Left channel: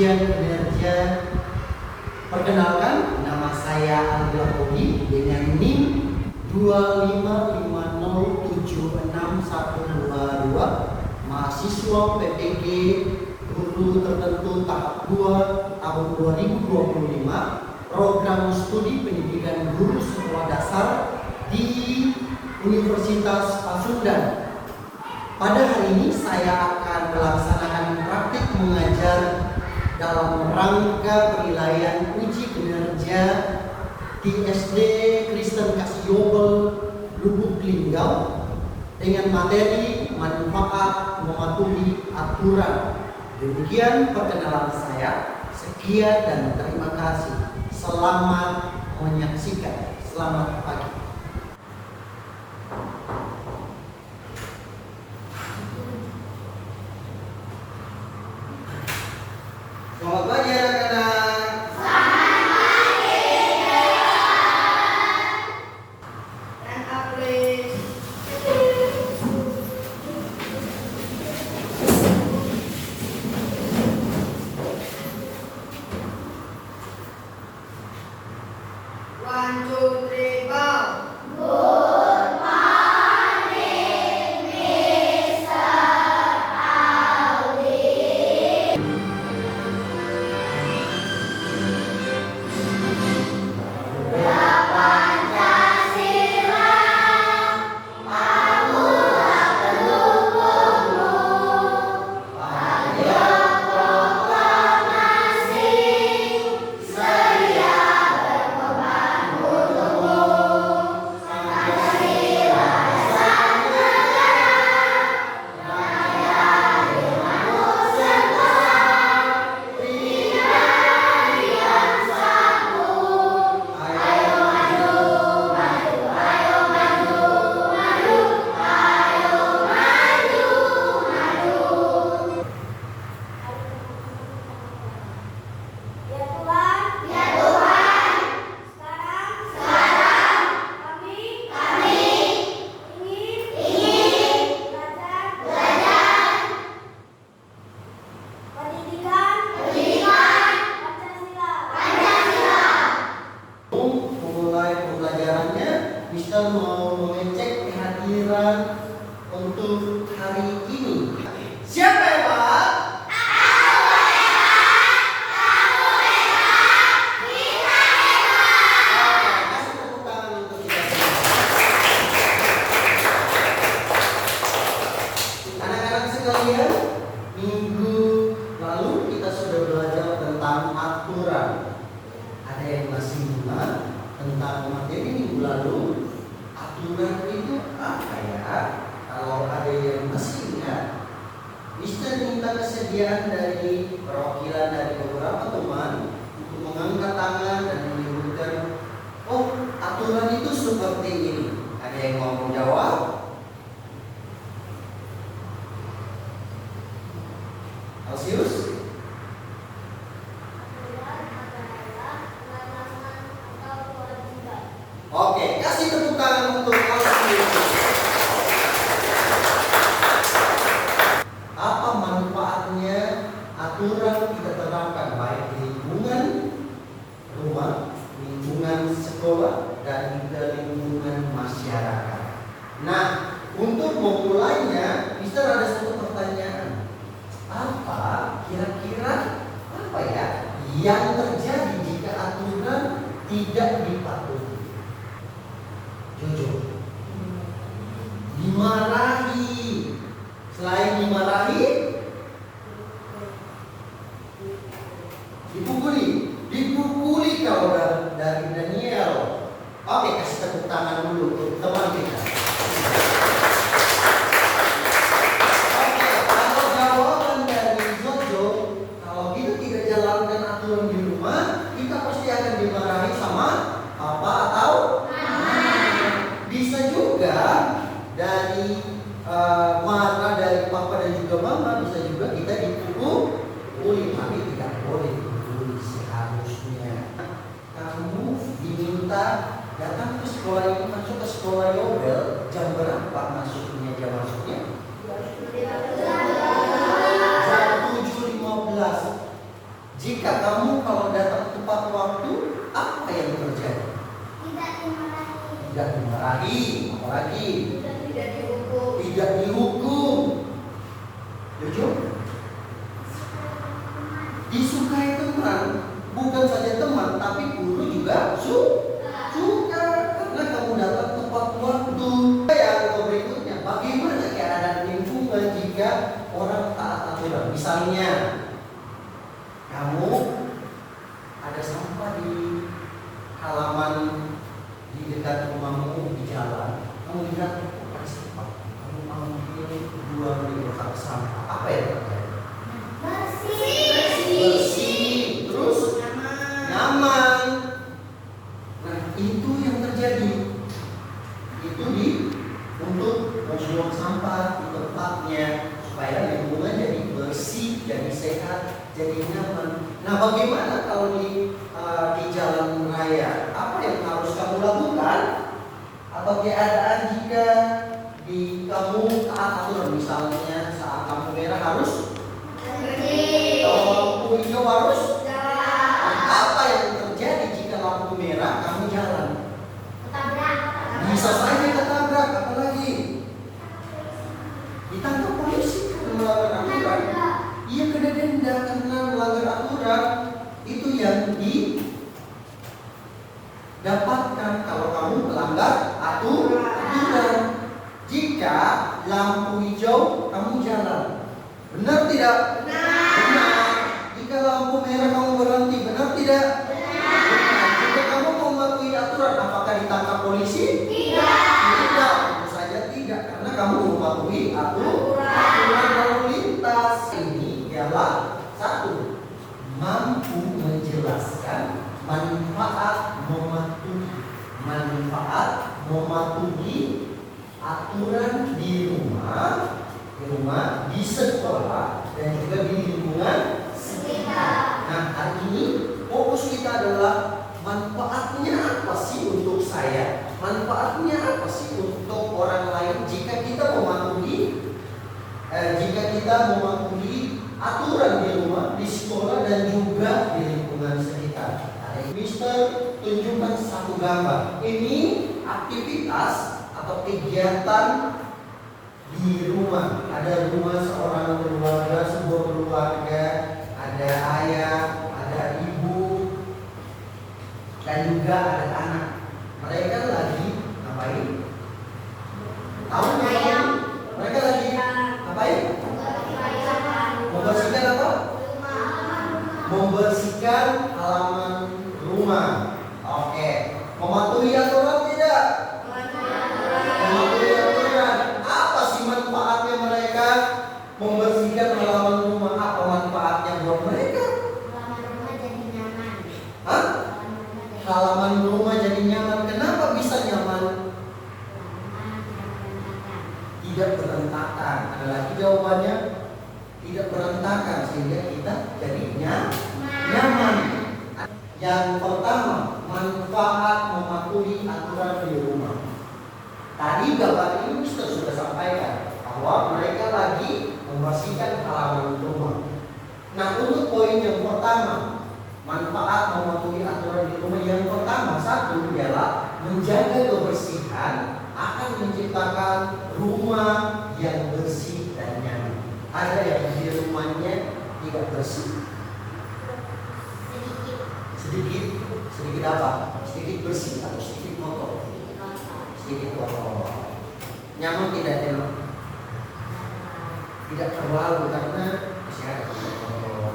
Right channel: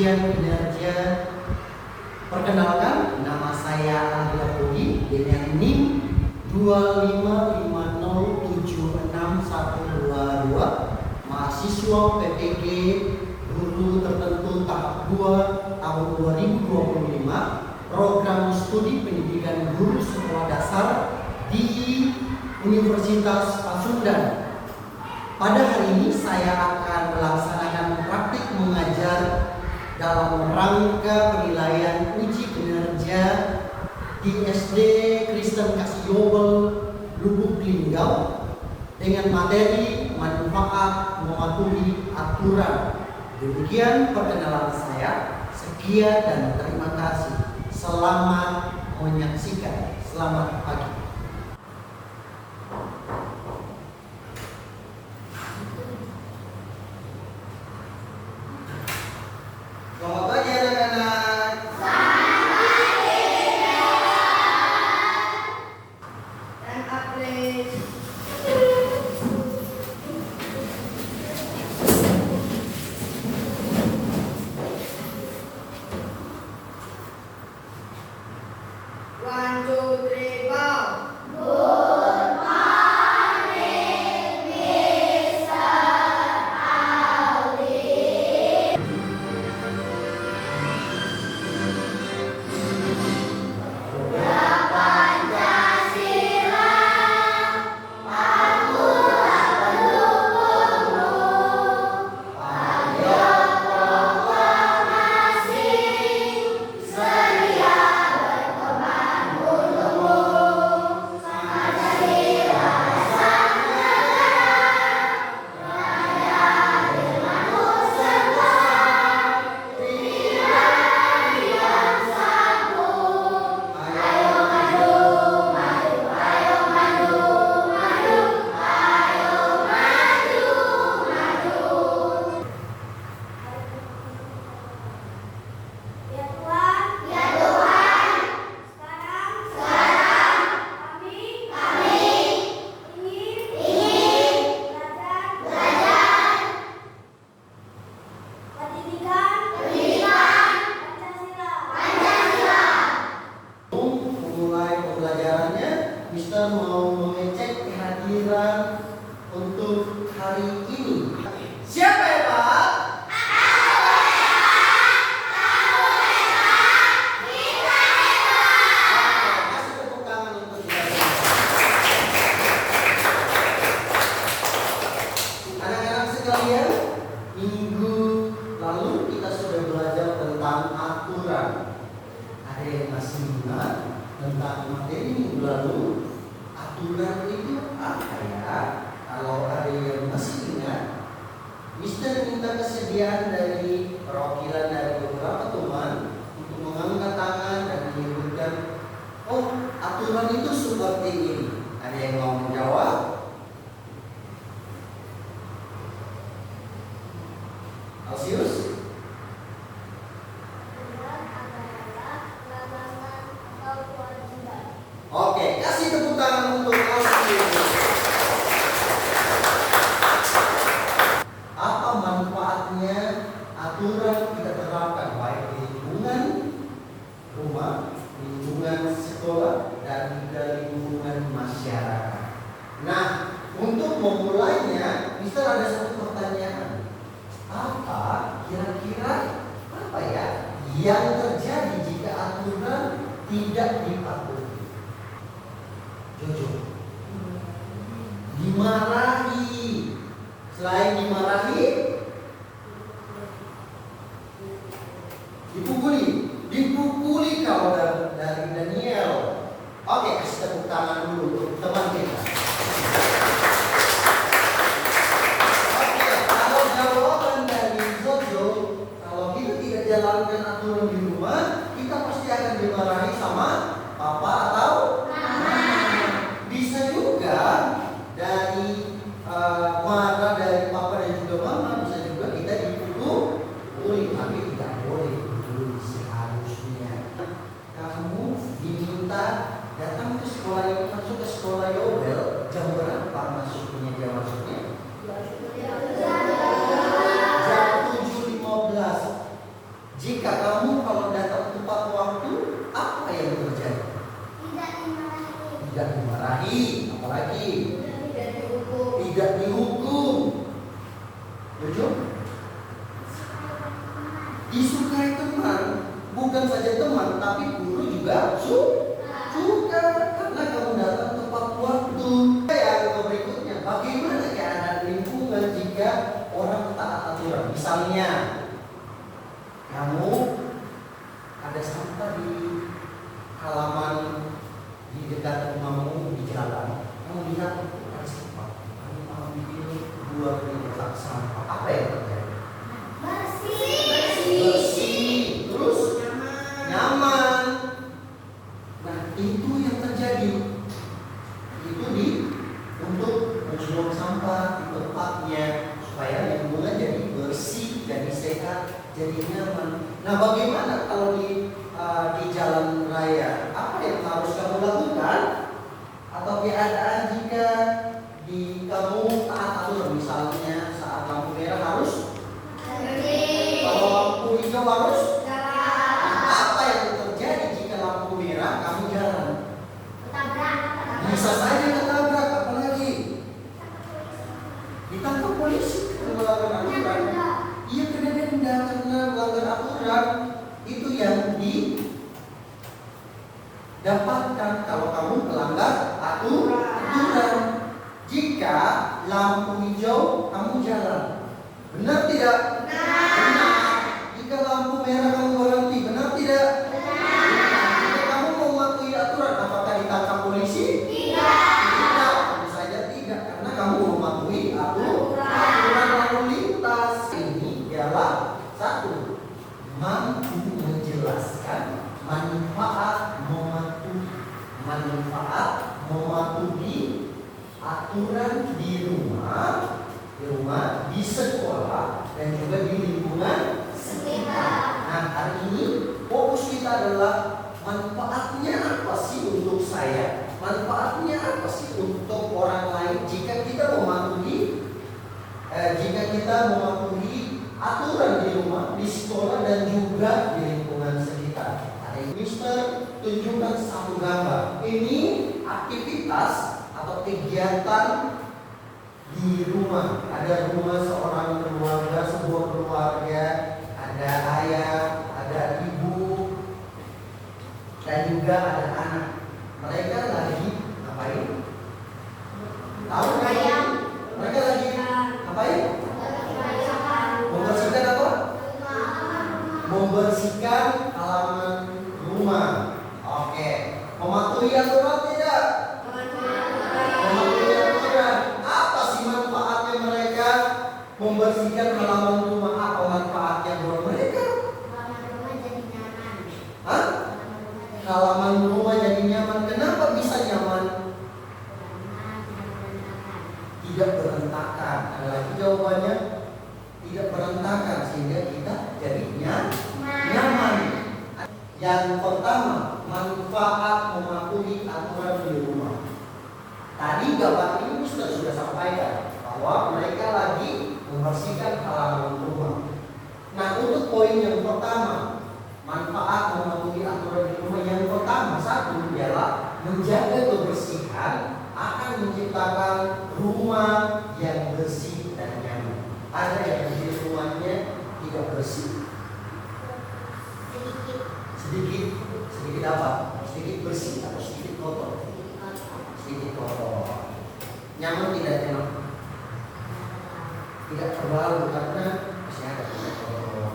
ujian kinerja. Perkenalkan, nama saya Alvila Poli dengan NIM 255076122, mahasiswa PPG Guru Tertentu tahap 2 tahun 2025, program studi pendidikan guru sekolah dasar di Universitas Pasundan. Pada hari ini saya akan melaksanakan praktik mengajar dalam rangka penilaian uji kinerja di SD Kristen Kasih Yobel Lubuk Linggau dengan materi manfaat mematuhi aturan. Demikian perkenalan saya. Sekian dan terima kasih. Selamat menyaksikan. Selamat pagi. Selamat pagi anak-anak. Selamat pagi. Dan April. One, two, three, go. Good morning, Mr. Aldi. Mister mau mengecek kehadiran untuk hari ini. Siapa ya Pak? Kasih tepuk tangan untuk kita. Anak-anak sekalian, minggu lalu kita sudah belajar tentang aturan. Ada yang masih ingat tentang materi minggu lalu? Aturan itu apa ya? Kalau ada yang masih ingat, Mister minta kesediaan dari perwakilan dari beberapa teman untuk mengangkat tangan dan menyebutkan, oh aturan itu seperti ini. Ada yang mau menjawab? Alsius? Oke, kasih tepuk tangan untuk Alsius. Apa manfaatnya aturan kita terapkan baik di lingkungan rumah, lingkungan sekolah, dan juga lingkungan masyarakat? Nah, untuk memulainya, Mister ada satu pertanyaan. Apa kira-kira apa ya yang terjadi jika aturan tidak dipatuhi? Jojo, dimarahi. Selain dimarahi, dipukuli kalau dari Daniel. Oke, kasih tepuk tangan dulu untuk teman kita. Oke, kalau jawaban dari Jojo, kalau kita tidak jalankan aturan di rumah, kita pasti akan dimarahi sama papa atau bisa juga dari marah dari papa dan juga mama, bisa juga kita dipukuli, tapi tidak boleh dipukuli seharusnya. Kamu diminta datang ke sekolah ini, masuk ke sekolah Yobel jam berapa masuknya? Jam masuknya jam 7.15. jika kamu kalau datang tepat waktu, apa yang terjadi? Tidak dimarahi, apalagi Tidak dihukum. tidak dihukum. Setuju? Disukai teman, bukan saja teman, tapi guru juga suka karena kamu datang tepat waktu. Yang berikutnya, bagaimana keadaan lingkungan jika orang taat aturan? Misalnya, kamu ada sampah di halaman di dekat rumahmu di jalan, kamu lihat ada sampah, kamu ambil buang di kotak sampah, apa yang terjadi? Bersih, terus nyaman. Nah itu yang terjadi. Itu untuk membuang sampah di tempatnya supaya lingkungan jadi bersih, jadi sehat, jadi nyaman. Nah bagaimana kalau di jalan raya? Apa yang harus kamu lakukan? Atau keadaan jika kamu taat aturan, misalnya saat lampu merah harus, kalau lampu hijau harus. Apa yang terjadi jika lampu merah kamu jalan? Bisa saja ketabrak, apalagi ditangkap polisi melanggar aturan. Ia kena denda karena melanggar aturan. Itu yang didapatkan kalau kamu melanggar aturan. Jika lampu hijau kamu jalan, benar tidak? Benar. Jika lampu merah kamu berhenti, benar tidak? Benar. Jika kamu mematuhi aturan, apakah ditangkap polisi? Tidak. Tentu saja tidak, karena kamu mematuhi aturan lalu lintas. Ini ialah satu, mampu menjelaskan manfaat mematuhi aturan di rumah, di sekolah, dan juga di lingkungan sekitar. Nah, hari ini fokus kita adalah manfaatnya apa sih untuk saya? Manfaatnya apa sih untuk orang lain jika kita mematuhi aturan di rumah, di sekolah, dan juga di lingkungan sekitar. Mister tunjukkan satu gambar. Ini aktivitas atau kegiatan di rumah. Ada rumah seorang keluarga, sebuah keluarga, ada ayah, ada ibu, dan juga ada anak. Mereka lagi ngapain? Tahu nggak? Mereka lagi ngapain? Membersihkan apa? Membersihkan halaman rumah. Oke. Mematuhi aturan tidak? Mematuhi aturan. Apa sih manfaatnya mereka membersihkan halaman rumah? Apa manfaatnya buat mereka? Hah? Halaman rumah jadi nyaman. Kenapa bisa nyaman? Tidak berantakan. Ada lagi jawabannya. Tidak berantakan sehingga kita jadi nyaman. Yang pertama, manfaat mematuhi aturan di rumah. Tadi gambar ini Mister sudah sampaikan bahwa mereka lagi membersihkan halaman rumah. Nah, untuk poin yang pertama, manfaat mematuhi aturan di rumah yang pertama, satu ialah menjaga kebersihan akan menciptakan rumah yang bersih dan nyaman. Ada yang di rumahnya tidak bersih, sedikit apa? Sedikit bersih atau sedikit kotor? Sedikit kotor. Nyaman tidak enak? Tidak terlalu karena masih ada kotor.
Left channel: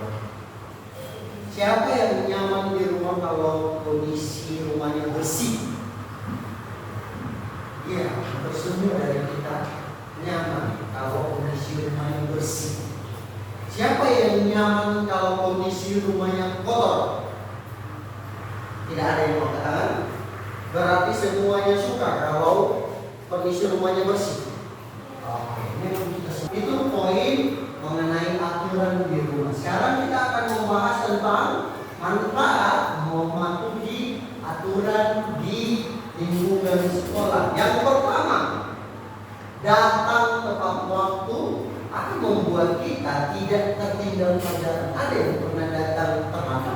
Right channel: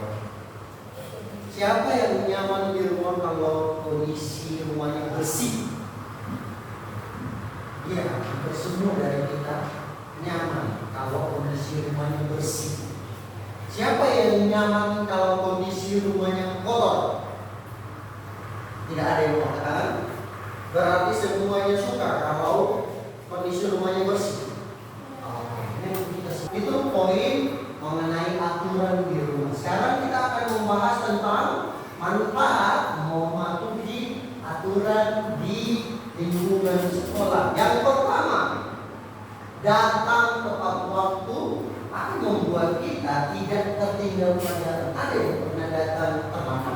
Siapa yang nyaman di rumah kalau kondisi rumahnya bersih? Ya, semua dari kita nyaman kalau kondisi rumahnya bersih. Siapa yang nyaman kalau kondisi rumahnya kotor? Tidak ada yang mau katakan. Berarti semuanya suka kalau kondisi rumahnya bersih. Oke, itu poin mengenai aturan di rumah. Sekarang kita akan membahas tentang manfaat mematuhi aturan di lingkungan sekolah. Yang pertama, datang tepat waktu akan membuat kita tidak tertinggal pelajaran. Ada yang pernah datang terlambat?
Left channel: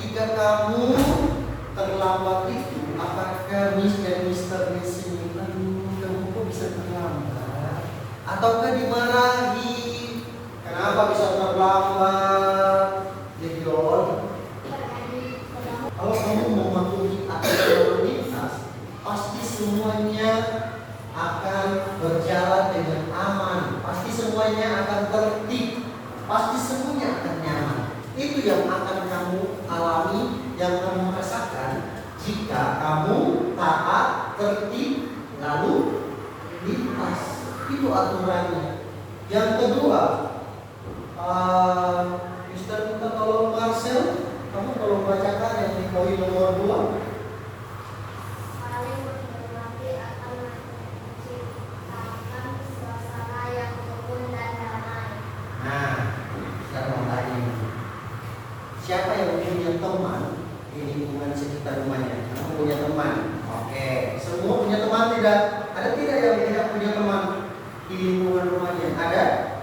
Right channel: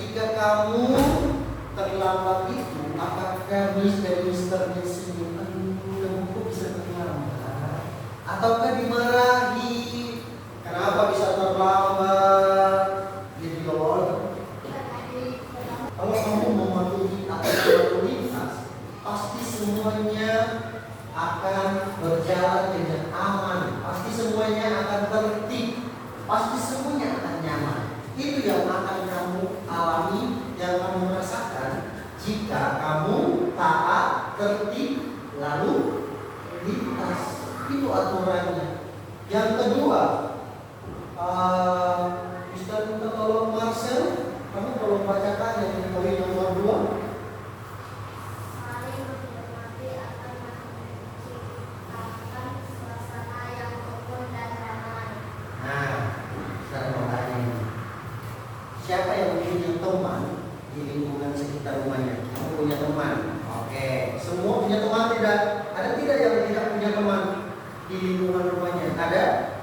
ketika kamu terlambat itu, apakah Miss dan Mister di sini, kamu kok bisa terlambat? Ataukah dimarahi? Kenapa bisa terlambat? Jadi Lord, kalau kamu mematuhi aturan lalu lintas, pasti semuanya akan berjalan dengan aman, pasti semuanya akan tertib, pasti semuanya akan nyaman. Itu yang akan kamu alami, yang kamu rasakan jika kamu taat, tertib, lalu lintas. Itu aturannya. Yang kedua, Mister minta tolong Marcel, kamu tolong bacakan yang di poin nomor 2. Saling menghormati akan menciptakan suasana yang rukun dan damai. Nah, saya mau tanya ini. Siapa yang punya teman di lingkungan sekitar rumahnya? Kamu punya teman? Oke. Semua punya teman tidak? Ada tidak yang tidak punya teman di lingkungan rumahnya? Ada?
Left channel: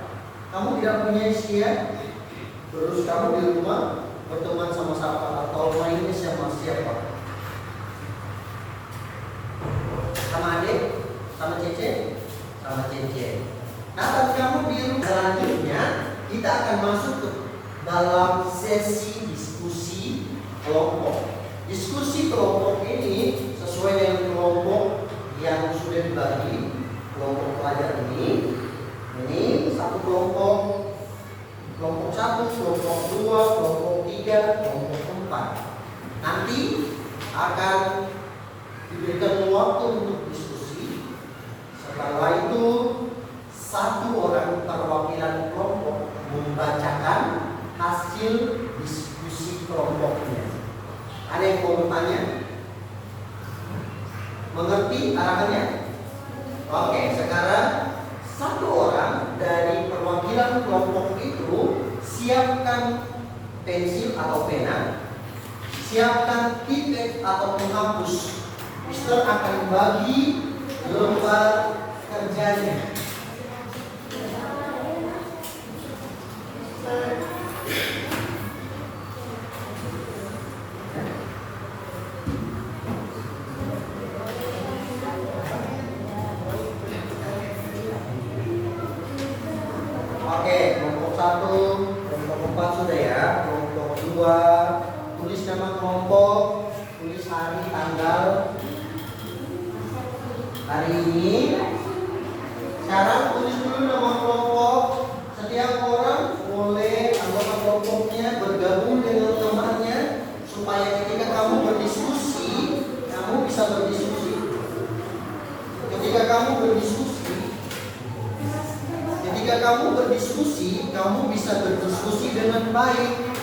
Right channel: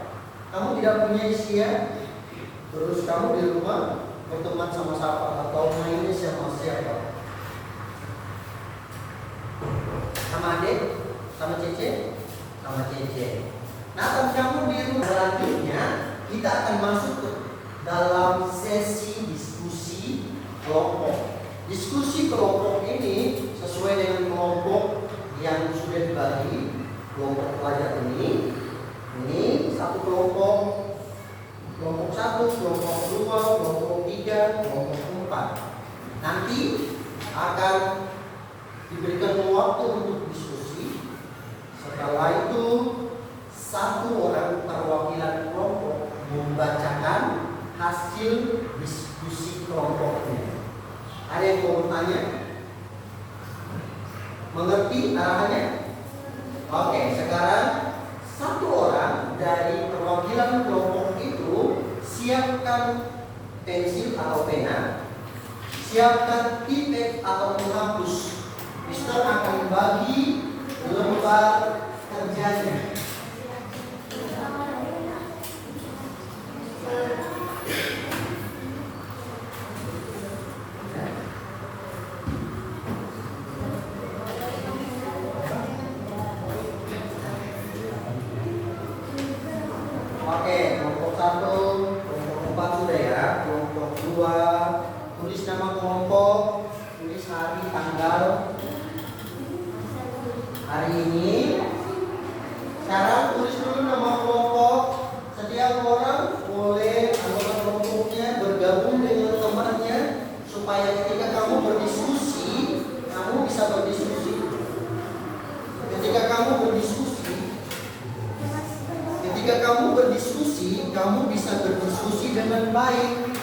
Kamu tidak punya usia? Terus kamu di rumah berteman sama siapa atau mainnya sama siapa? Sama adik? Sama Cece? Sama Cece. Nah, kalau kamu di rumah selanjutnya, kita akan masuk ke dalam sesi diskusi kelompok. Diskusi kelompok ini sesuai dengan kelompok yang sudah dibagi. Kelompok pelajar ini satu kelompok, kelompok 1, kelompok 2, kelompok 3, kelompok 4. Nanti akan diberikan waktu untuk diskusi. Setelah itu satu orang perwakilan kelompok membacakan hasil diskusi kelompoknya. Ada yang mau bertanya? Mengerti arahannya? Oke, sekarang satu orang dari perwakilan kelompok itu siapkan pensil atau pena, siapkan titik atau penghapus. Mister akan bagi lembar kerjanya. Oke, kelompok 1, kelompok 4 sudah ya. Kelompok 2, tulis nama kelompok, tulis hari, tanggal, hari ini. Sekarang tulis dulu nama kelompok. Setiap orang boleh anggota kelompoknya bergabung dengan temannya supaya ketika kamu berdiskusi, kamu bisa berdiskusi. Ketika kamu berdiskusi, kamu bisa berdiskusi dengan baik.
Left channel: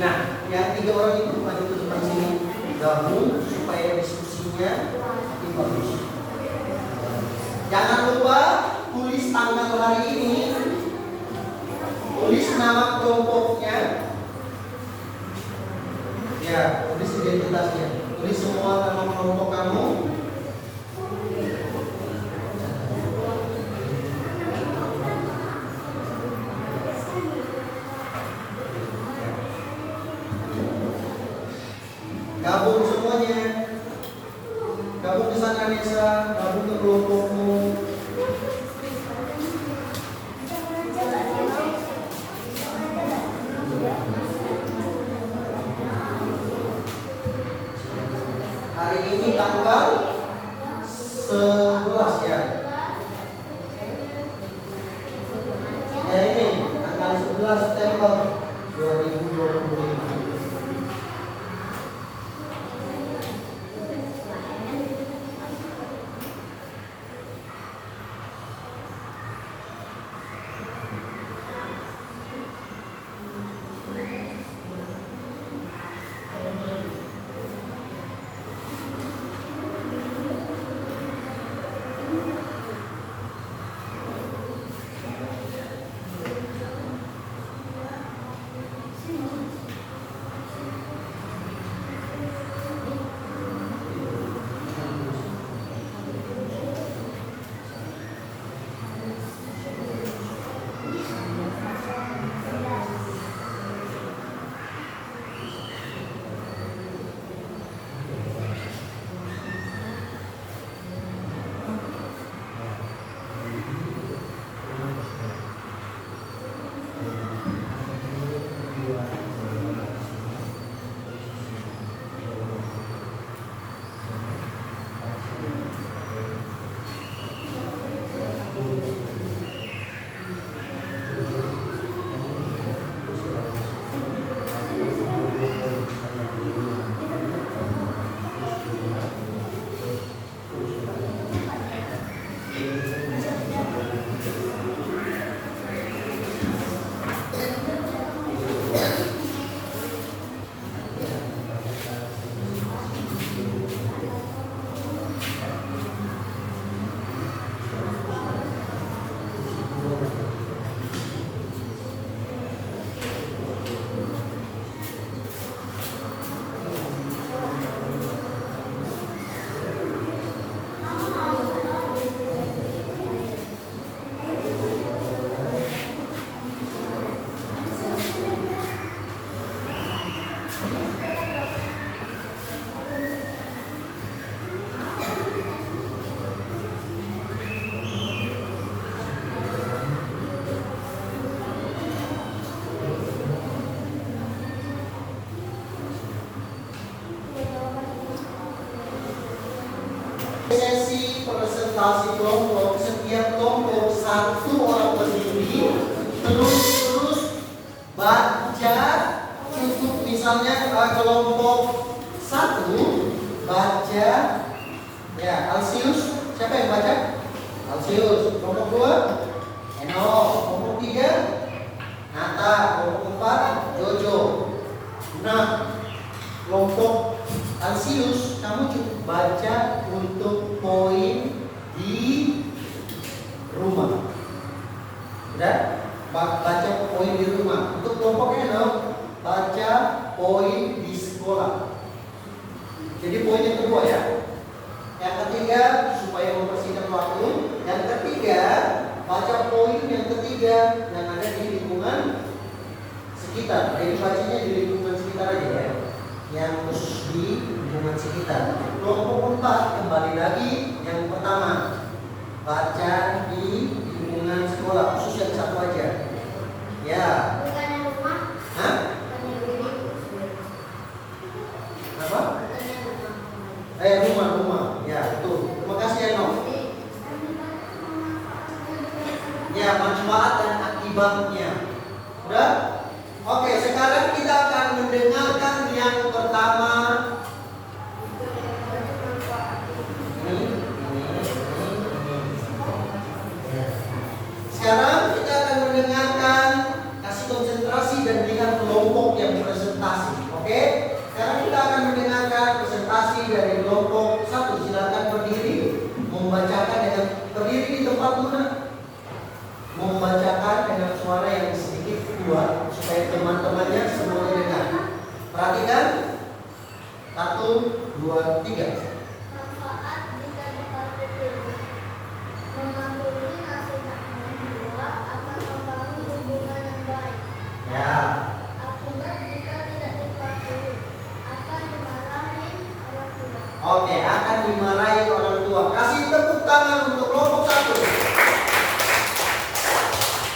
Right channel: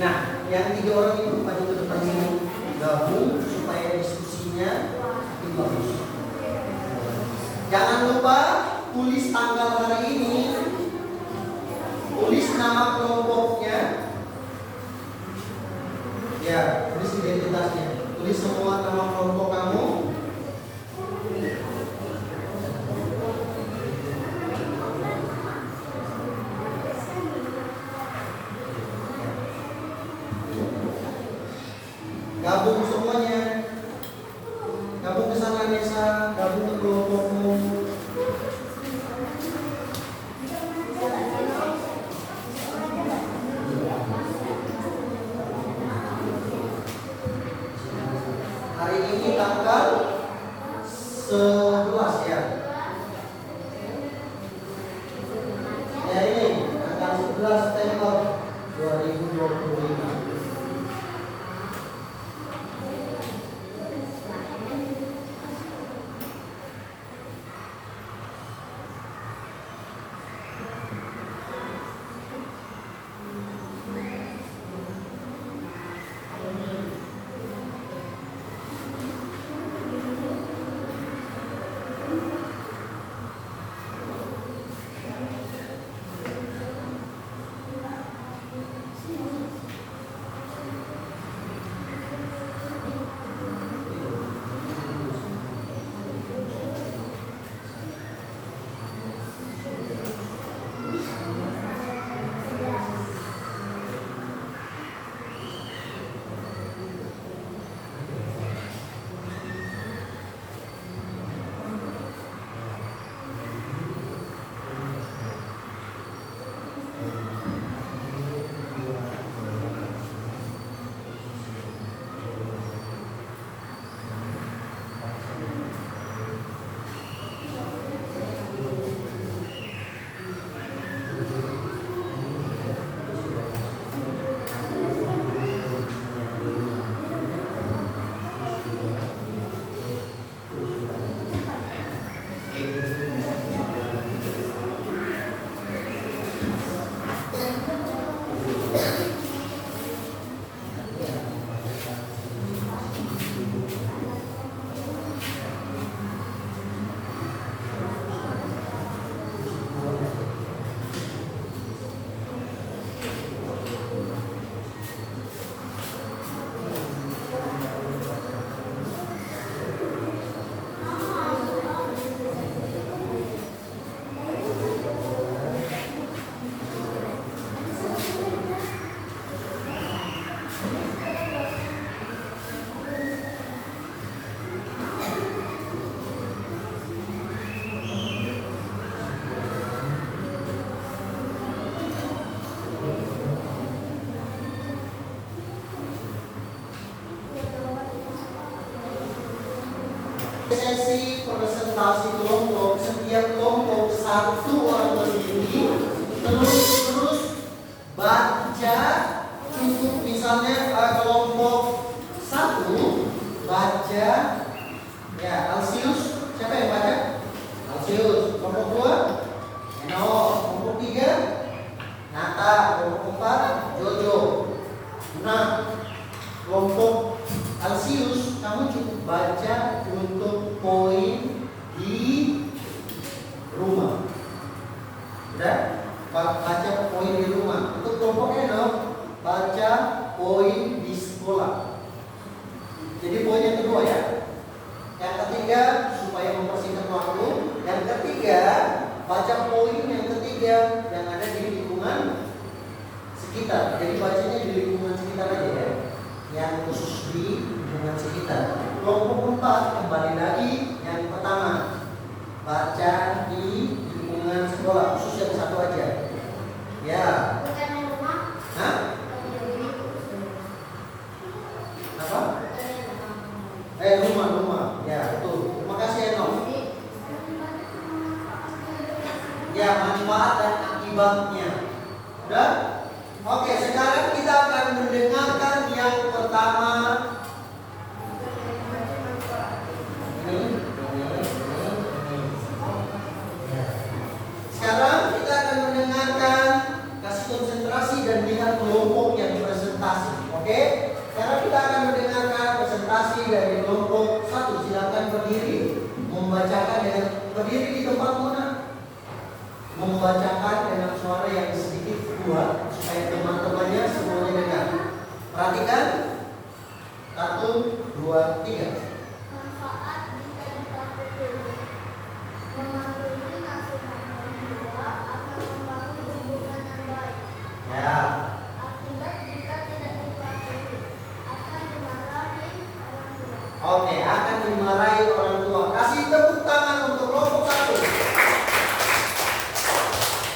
Nah, yang 3 orang itu maju ke depan sini, gabung supaya diskusinya makin bagus. Jangan lupa tulis tanggal hari ini, tulis nama kelompoknya, ya, tulis identitasnya, tulis semua nama kelompok kamu. Gabung semuanya, gabung ke sana Nesa, gabung ke kelompokmu. Hari ini tanggal 11 ya. Ya ini tanggal 11 September 2025. Sesi presentasi kelompok, setiap kelompok satu orang berdiri, terus baca cukup misalnya kelompok satu baca ya Alsius, siapa yang baca? Alsius. Kelompok dua Eno, kelompok tiga Nata, kelompok empat Jojo. Nah, kelompok Alsius, kamu cukup baca untuk poin di rumah. Udah? Baca poin di rumah. Untuk kelompok Eno, baca poin di sekolah. Jadi poin yang kedua ya. Yang ketiga, supaya mempersingkat waktu. Yang ketiga, baca poin yang ketiga yang ada di lingkungan sekitar. Jadi bacanya di lingkungan sekitar aja ya. Yang khusus di lingkungan sekitar. Kelompok 4 kembali lagi yang pertama, baca di lingkungan sekolah, khusus yang satu aja. Ya. Bukan yang rumah. Hah? Apa? Rumah. Ya, betul. Terima kasih Eno. Ya, manfaat dan akibatnya. Udah? Oke, sekarang kita akan mendengarkan yang pertama. Sekarang kita akan mendengarkan, kasih konsentrasi dan lihat kelompok yang presentasi. Oke? Sekarang kita akan mendengarkan presentasi dari kelompok 1. Silakan berdiri, membacakan dengan berdiri di tempat mana? Membacakan dengan suara yang sedikit kuat supaya teman-temannya semuanya dengar. Perhatikan. 1, 2, 3. Manfaat jika dipakai dulu. Memahami masing-masing dua akan membangun hubungan yang baik. Ya. Akibat jika tidak dipakai akan dimarahi orang tua. Oke, akan dimarahi orang tua. Kasih tepuk tangan untuk kelompok 1.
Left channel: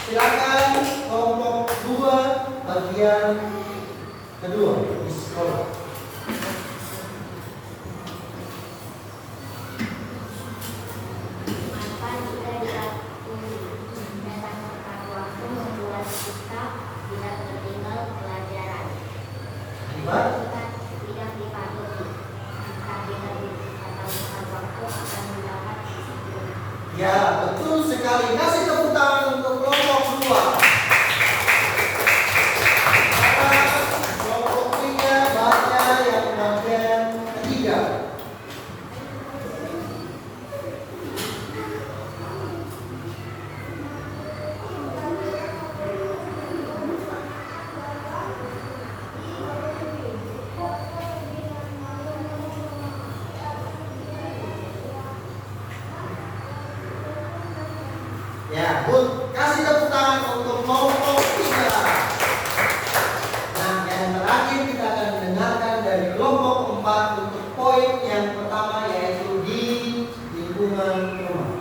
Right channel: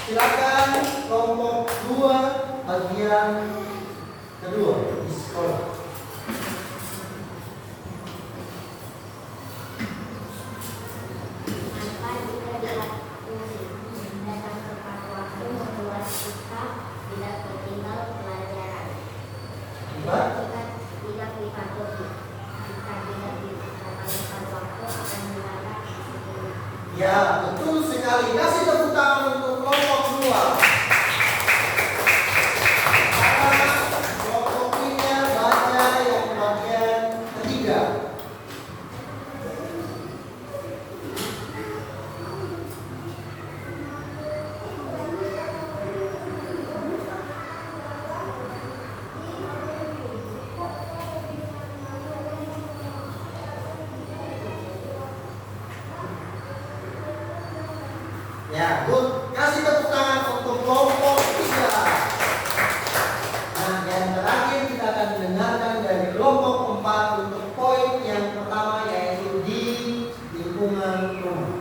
Silakan kelompok 2 bagian kedua di sekolah. Akan jika dilatih datang tepat waktu membuat kita tidak tertinggal pelajaran. Akibat Tidak dipatuhi. Jika tidak dipatuhi waktu akan mendapat disiplin. ya, betul sekali. Kasih tepuk tangan untuk kelompok 2. Kelompok 3 baca yang bagian ketiga. Ya, Bud, kasih tepuk tangan untuk kelompok 3. Nah, yang terakhir kita akan mendengarkan dari kelompok 4 untuk poin yang pertama, yaitu di lingkungan rumah.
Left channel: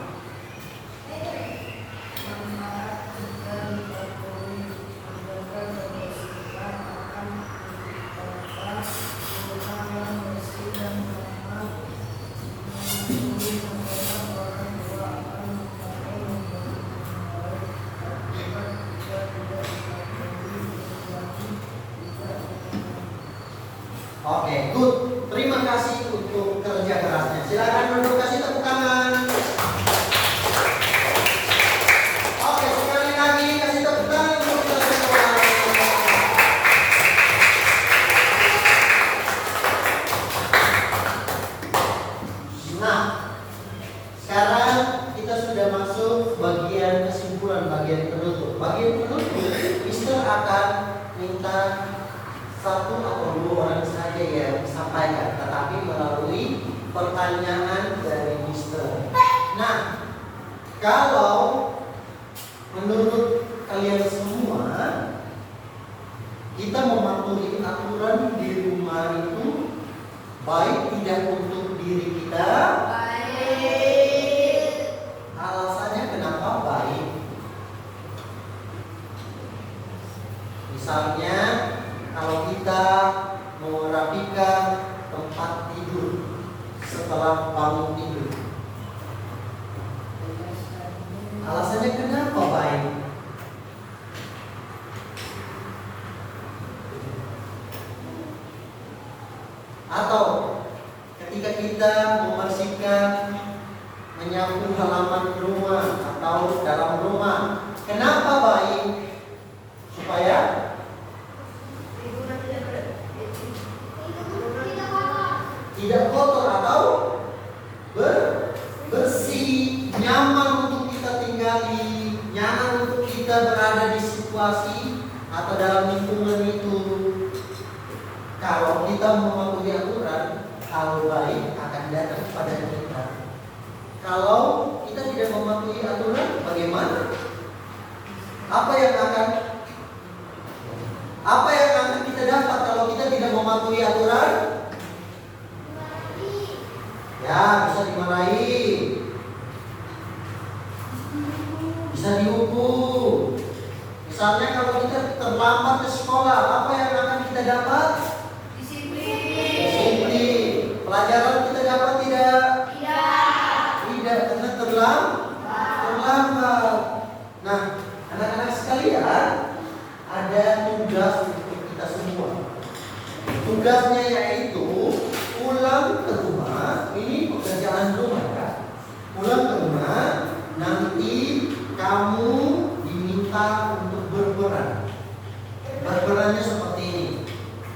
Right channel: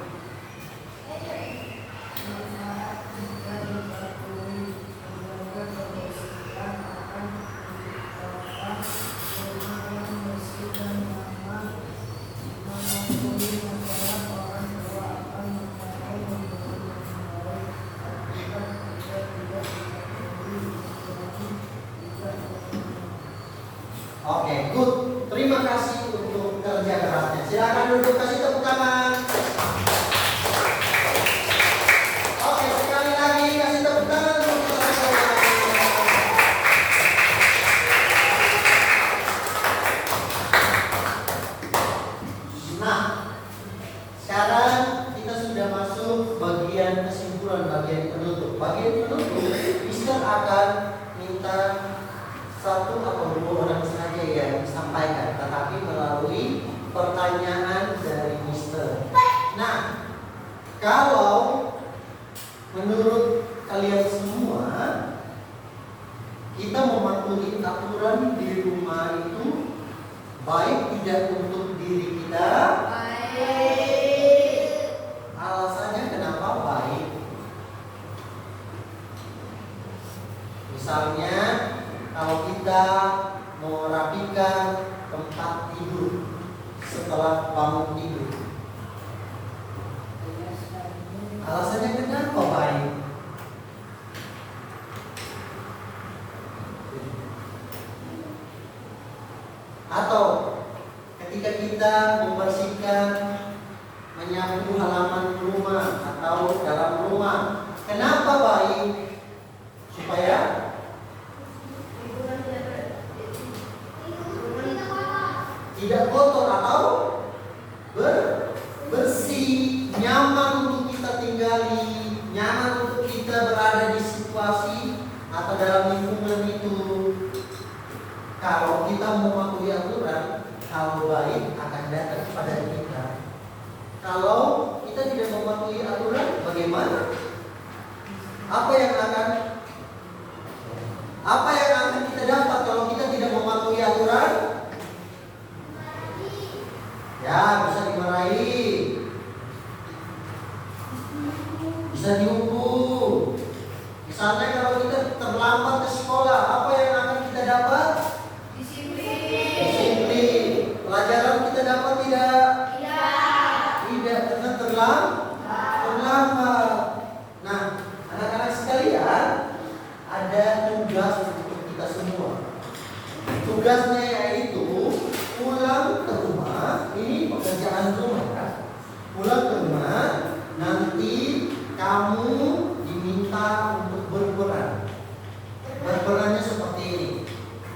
Oke, good. Terima kasih untuk kerja kerasnya. Silakan duduk, kasih tepuk tangan. Oke, sekali lagi kasih tepuk tangan untuk kelas. Nah, sekarang kita sudah masuk bagian kesimpulan, bagian penutup. Bagian penutup, Mister akan minta 1 atau 2 orang saja yang disampaikan, tetapi melalui pertanyaan dari Mister. Nah, kalau menurut kalian semua kita mematuhi aturan di rumah itu baik tidak untuk diri kita? Baik. Alasannya kenapa baik? Misalnya kalau kita merapikan tempat tidur setelah bangun tidur, Atau ketika kita membersihkan, menyapu halaman rumah atau dalam rumah, kenapa baik? Supaya tidak kotor atau bersih, nyaman untuk kita tinggali, nyaman untuk kita berada di situasi atau dalam lingkungan itu. Kalau kita mematuhi aturan, hal baik akan datang kepada kita. Kalau kita tidak mematuhi aturan, bagaimana? Apa yang akan kita dapat kalau kita tidak mematuhi aturan? Ya, bisa dimarahi, bisa dihukum. Misalnya kalau kita terlambat ke sekolah, apa yang akan kita dapat? Disiplin. Pelajaran kita dapat tidak? Tidak, karena terlambat. Nah, anak-anak sekalian, ada tugas untuk kita semua. Tugasnya yaitu pulang ke rumah. Ini pekerjaan rumah kan? Pulang ke rumah, nanti kamu diminta untuk berperan. Berperannya seperti ini.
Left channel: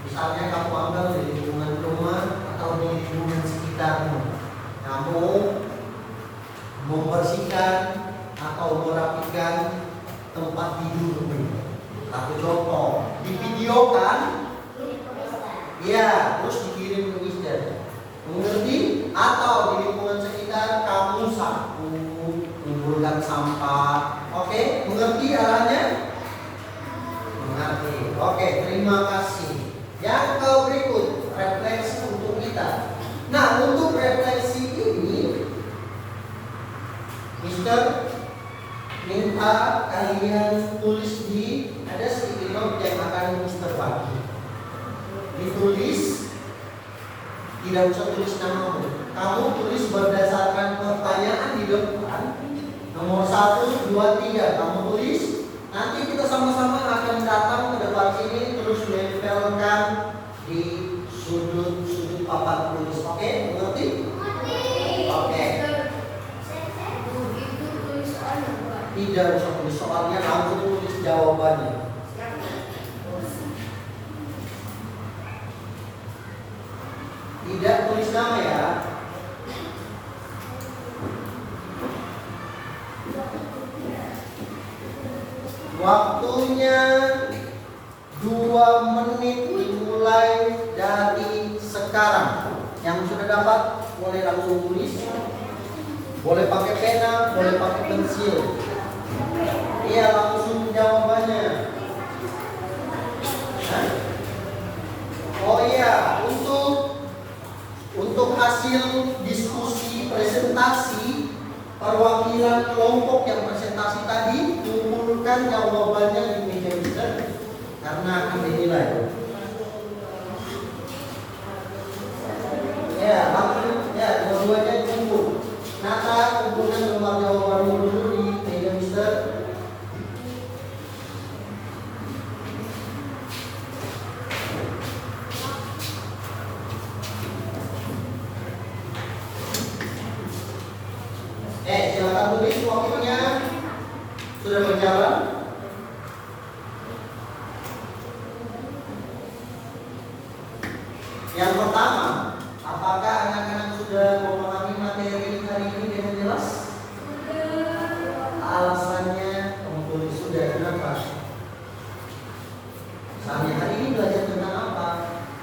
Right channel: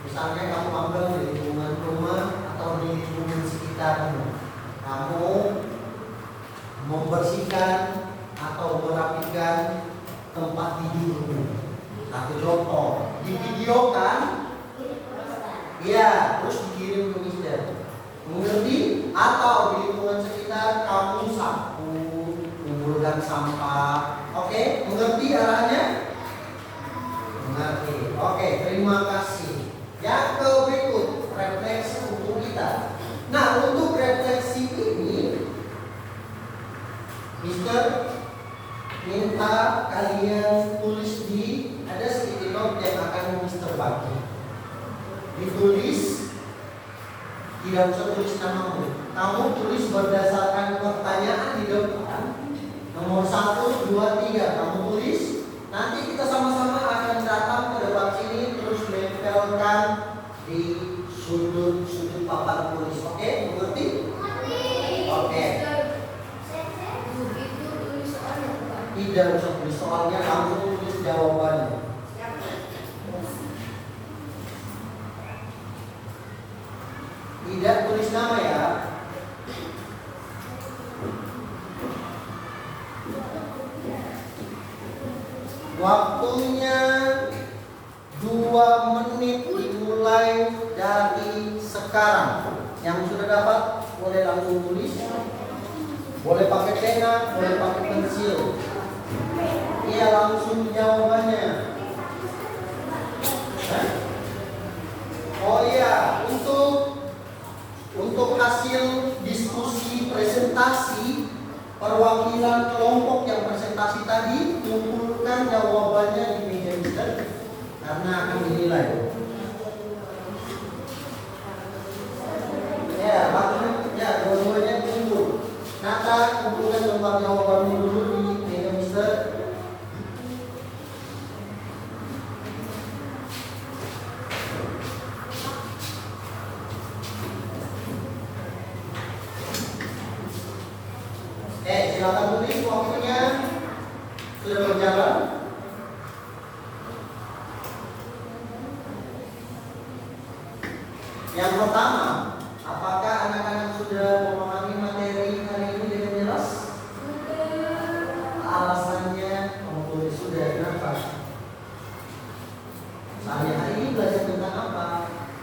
Misalnya kamu ambil di lingkungan rumah atau di lingkungan sekitarmu. Kamu membersihkan atau merapikan tempat tidurmu. Satu contoh, divideokan, ya, terus dikirim ke mister. Mengerti? Atau di lingkungan sekitar kamu sapu, mengumpulkan sampah. Oke, mengerti arahnya? Mengerti. Oke, terima kasih. Yang berikut, refleksi untuk kita. Nah, untuk refleksi ini, mister minta kalian tulis ada sticky note yang akan mister bagi. Ditulis, tidak usah tulis namamu. Kamu tulis berdasarkan pertanyaan di depan. Nomor 1, 2, 3 kamu tulis. Nanti kita sama-sama akan datang ke depan sini terus menempelkan di sudut-sudut papan tulis. Oke, mengerti? Oke. Tidak usah tulis soalnya, langsung tulis jawabannya. Tidak tulis nama ya. Waktunya 2 menit dimulai dari sekarang. Yang sudah dapat boleh langsung tulis. Boleh pakai pena, boleh pakai pensil. Iya, langsung jawabannya. Oh iya, untuk hasil diskusi presentasi perwakilan kelompok yang presentasi tadi, kumpulkan jawabannya di meja mister karena akan dinilai. Ya, langsung ya dua-duanya kumpul. Nata, kumpulkan lembar jawabanmu dulu di meja mister. Silakan tulis waktunya sudah berjalan. Yang pertama, apakah anak-anak sudah memahami materi hari ini dengan jelas? Alasannya kamu sudah kenapa? Misalnya hari ini belajar tentang apa?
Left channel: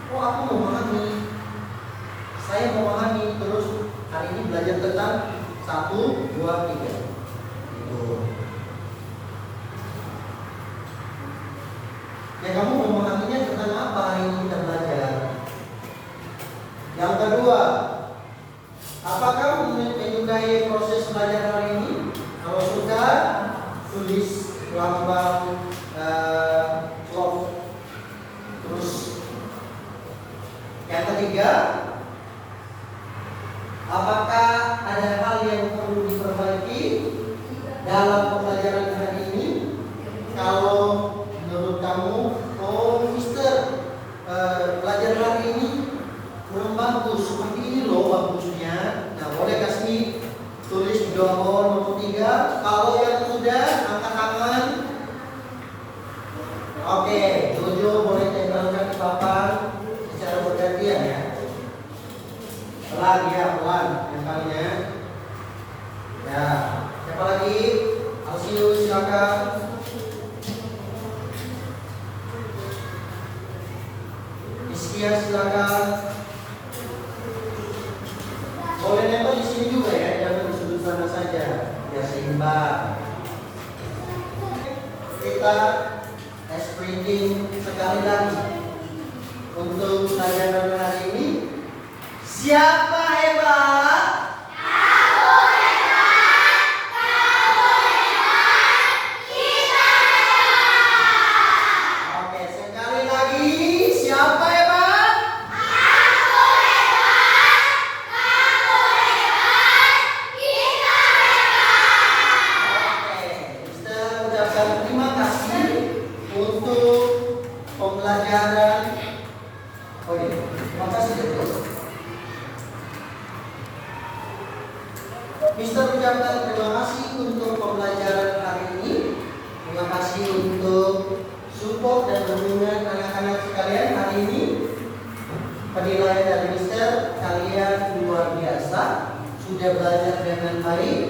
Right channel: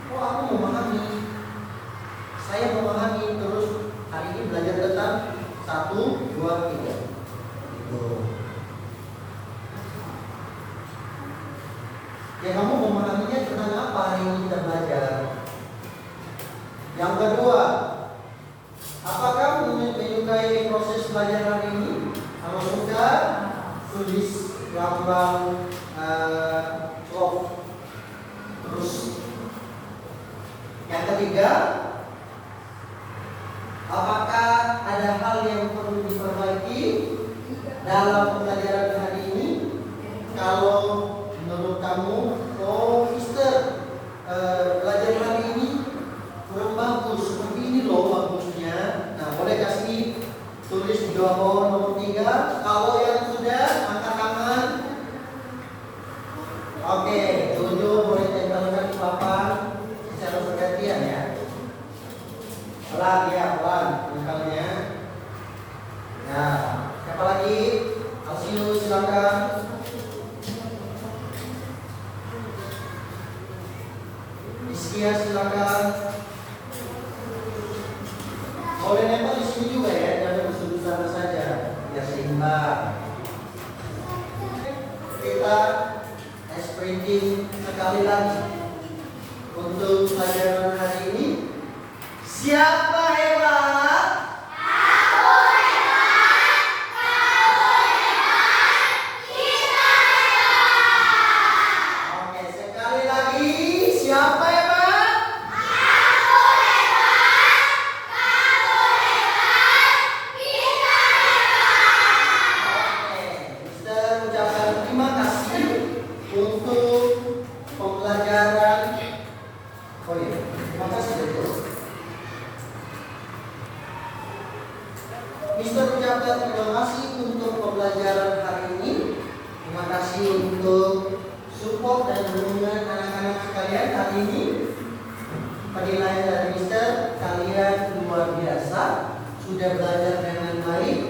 Oh, aku memahami. Saya memahami, terus hari ini belajar tentang 1, 2, 3. Itu. Ya, kamu memahaminya tentang apa hari ini kita belajar? Yang kedua, apakah menyukai proses belajar hari ini? Kalau sudah, tulis lambang slot. Terus yang ketiga, apakah ada hal yang perlu diperbaiki dalam pembelajaran hari ini? Kalau menurut kamu, oh mister, belajar hari ini kurang Sia silakan. Boleh nempel di sini juga ya, jangan di sudut sana saja. Ya seimbang. Kita expressing sekali lagi untuk pelajaran hari ini. Siapa hebat? Oke, sekali lagi. Siapa hebat? Oke, Mister ucapkan terima kasih untuk pembelajaran. Oh iya, terima kasih Deus. Mister ucapkan terima kasih untuk pembelajaran hari ini. Terima kasih untuk support dan dukungan anak-anak sekalian hari ini. Penilaian dari Mister, kalian luar biasa, sudah belajar dengan baik,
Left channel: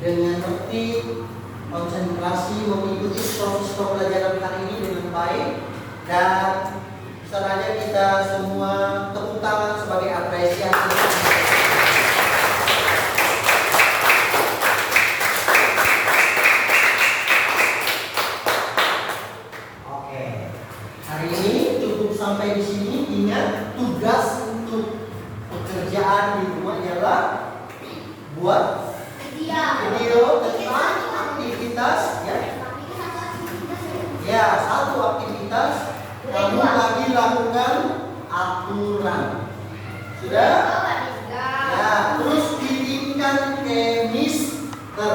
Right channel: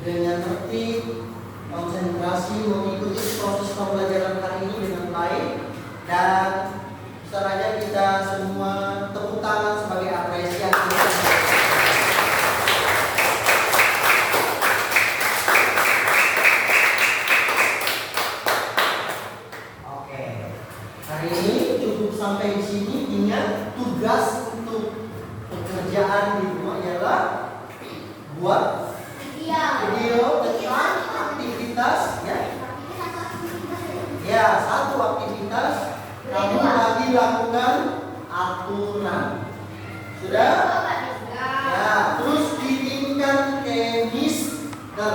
dengan tertib, konsentrasi, mengikuti proses pembelajaran hari ini dengan baik. Dan Mister aja kita semua tepuk tangan sebagai apresiasi. Hari ini cukup sampai di sini. Ingat, tugas untuk pekerjaan di rumah ialah buat video tentang aktivitas ya, satu aktivitas kamu lagi lakukan aturan. Sudah? Ya, terus kirimkan ke Mister.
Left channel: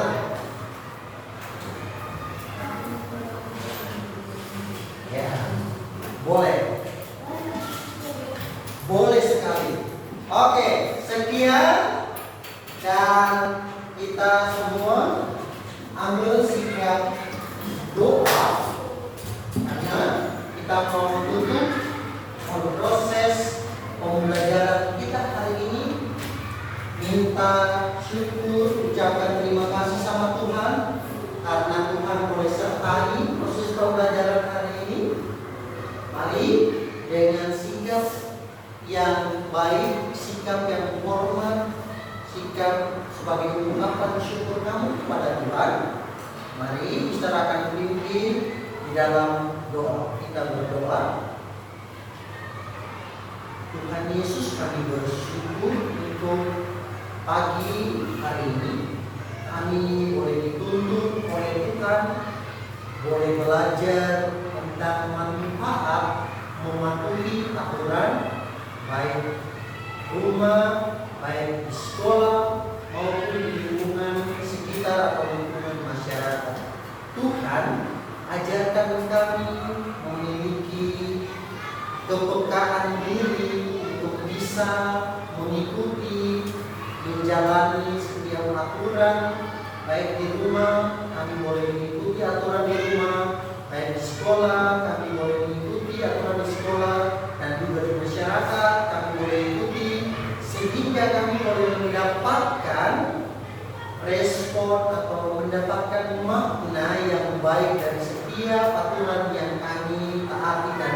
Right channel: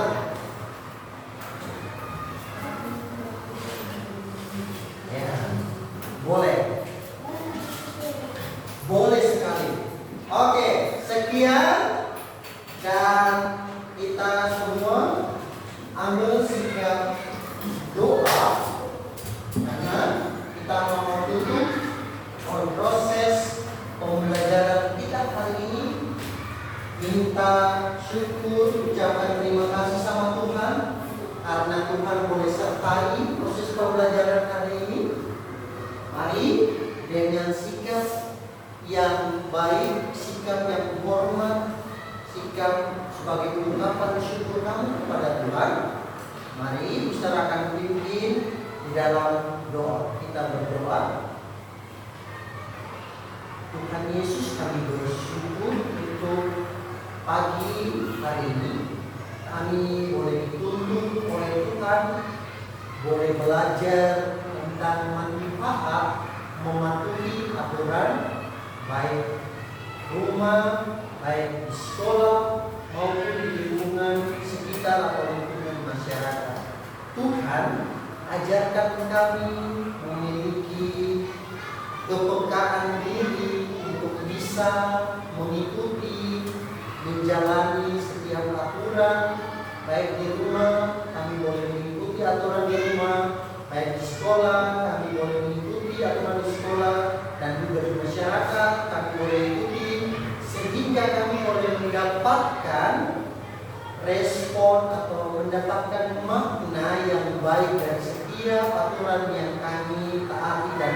Ya. Boleh. Boleh sekali. Oke, sekian. Dan kita semua ambil sikap doa, karena kita mau tutup proses pembelajaran kita hari ini. Minta syukur, ucapkan terima kasih sama Tuhan karena Tuhan boleh sertai proses pembelajaran hari ini. Mari dengan sikap yang baik, sikap yang hormat, sikap sebagai ungkapan syukur kamu kepada Tuhan. Mari Mister akan pimpin di dalam doa. Kita berdoa. Tuhan Yesus, kami bersyukur untuk pagi hari ini. Kami boleh dituntun oleh Tuhan, boleh belajar tentang manfaat mematuhi aturan, baik rumah, baik di sekolah maupun di lingkungan sekitar atau lingkungan masyarakat. Tuhan, ajarkan kami memiliki kepekaan diri untuk bisa mengikuti, menjalani setiap aturan, baik di rumah kami boleh mengikuti aturan di rumah, baik di sekolah kami boleh mengikuti aturan di sekolah, dan juga di masyarakat kami boleh ikuti, sehingga kami boleh mendapatkan respon atau mendapatkan makna yang baik dari setiap aturan yang kami taati dan